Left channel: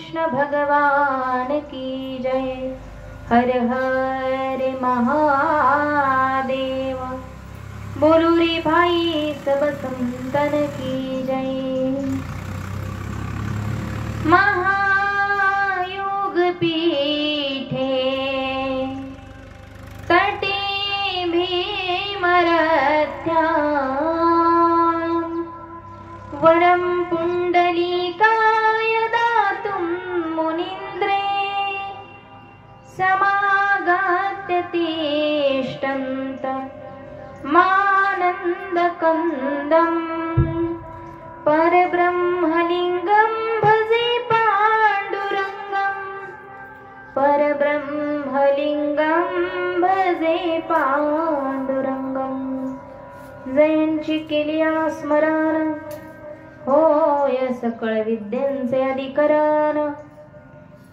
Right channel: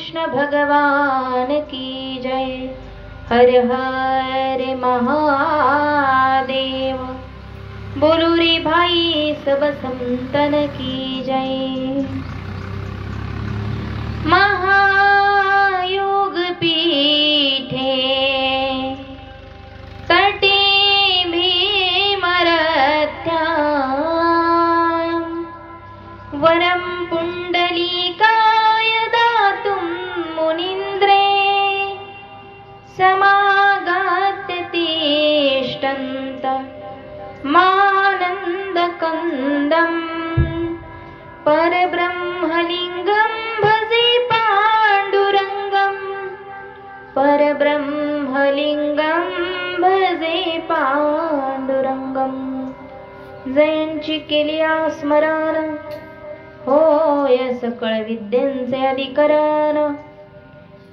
कृष्ण भगवान की जय। हर हर महादेव। बोलो रे भाई सब संतन की जय। महायोग पीठे तटे भीमरथ्या वरम पुंडलीकाय दातुं मुनीन्द्रे समागत्य तिष्ठन्त मानन्दकन्दं परब्रह्मलिङ्गं भजे पाण्डुरङ्गं परब्रह्मलिङ्गं भजे पाण्डुरङ्गं। जयंची केली स्मरण होय सकळ विद्यांचे अधिकरण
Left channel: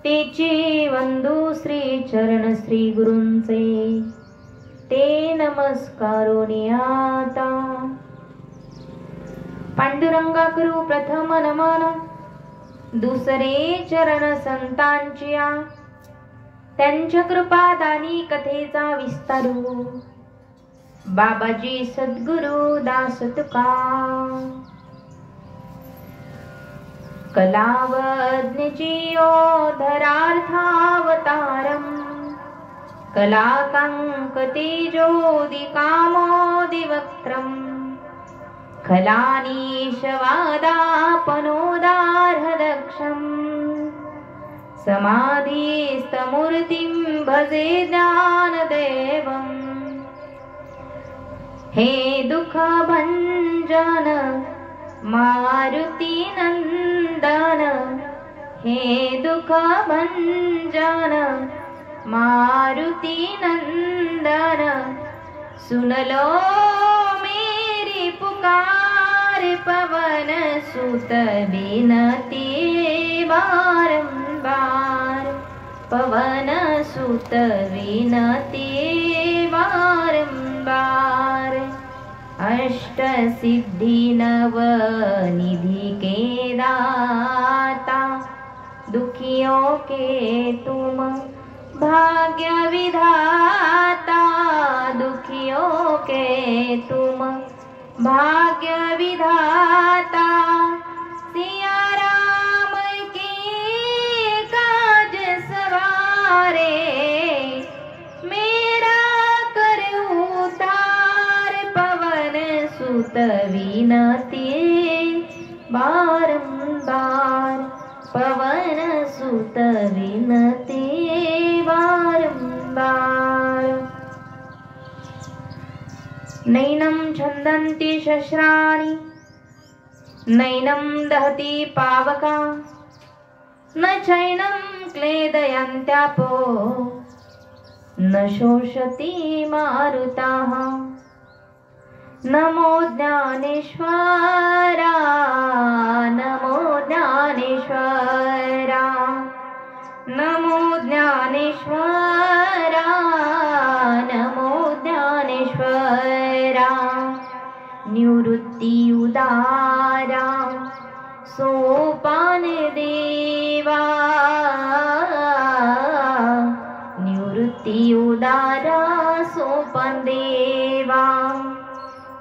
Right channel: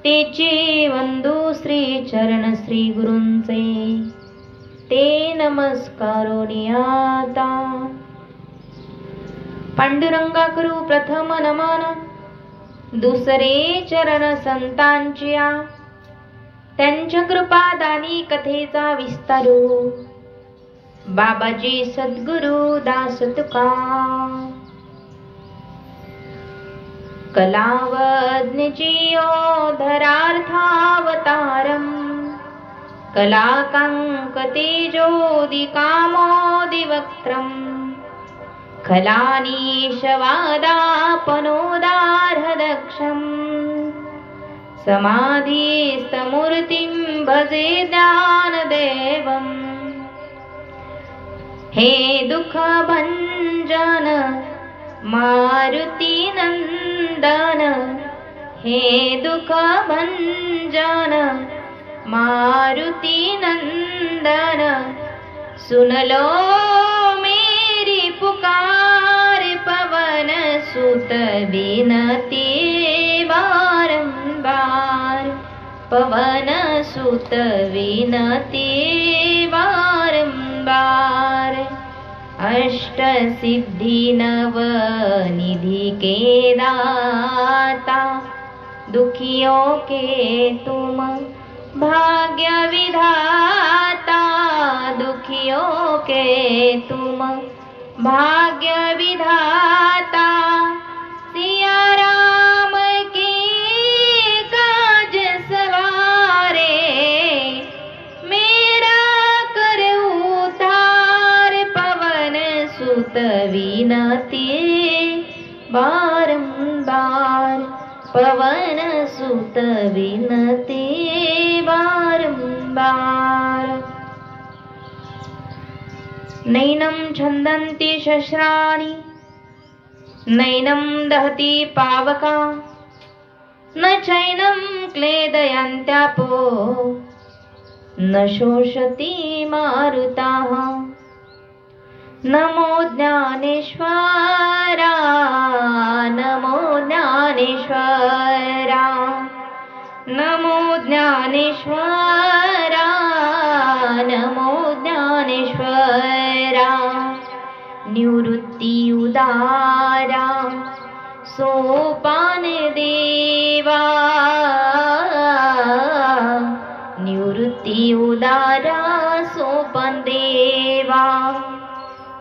तेची वंदू श्री चरण श्री गुरूंचे ते नमस्कारोनी आता। पांडुरंगा करू प्रथम नमन दुसरे चरण संतांच्या त्यांच्या कृपा दानी कथेचा विस्तारू बाबाजी सद्गुरु दास तुका। कलावज्ञचियोधरार्थावतारम् कलाकाङ्कतेजोदिकामोदिवक्त्रम् खलानीशवादापनोदार्हदक्षम् समाधिस्तमूर्तिं भजे ज्ञानदेवम्। हे दुःखभञ्जन मारुति नंदन हे दुःखभञ्जन मारुति नंदन सुन लो मेरी पुकार पवन सुत बिनती बारंबार पवन सुत बिनती बारंबार। अष्ट सिद्धि नव निधि के दाता दुखियों के तुम भाग्य विधाता दुखियों के तुम भाग्य विधाता। सिया राम के काज सवारे मेरा कर उतार पवन सुत विनती बारंबार पवन सुत विनती बारंबार। नैनं छन्दन्ति शस्त्राणि नैनं दहति पावका न चैनं क्लेदयन्त्यापो न शोषति मारुताः। नमो ज्ञानेश्वरा नमो ज्ञानेश्वरा नमो ज्ञानेश्वरा नमो ज्ञानेश्वरा। निवृत्ति उदारा सोपान देवा निवृत्ति उदारा सोपान देवा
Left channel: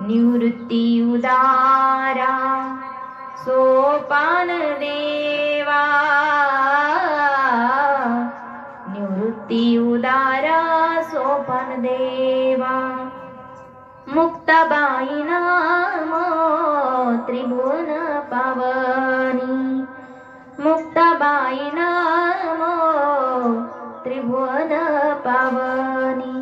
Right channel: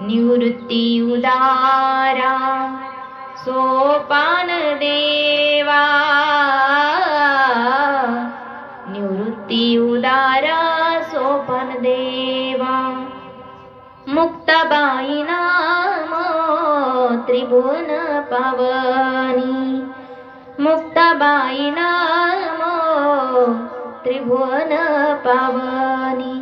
निवृत्ति उदारा सोपान देवा निवृत्ति उदारा सोपान देवा। मुक्ताबाई नाम त्रिभुवन पावनी मुक्ताबाई नाम त्रिभुवन पावनी।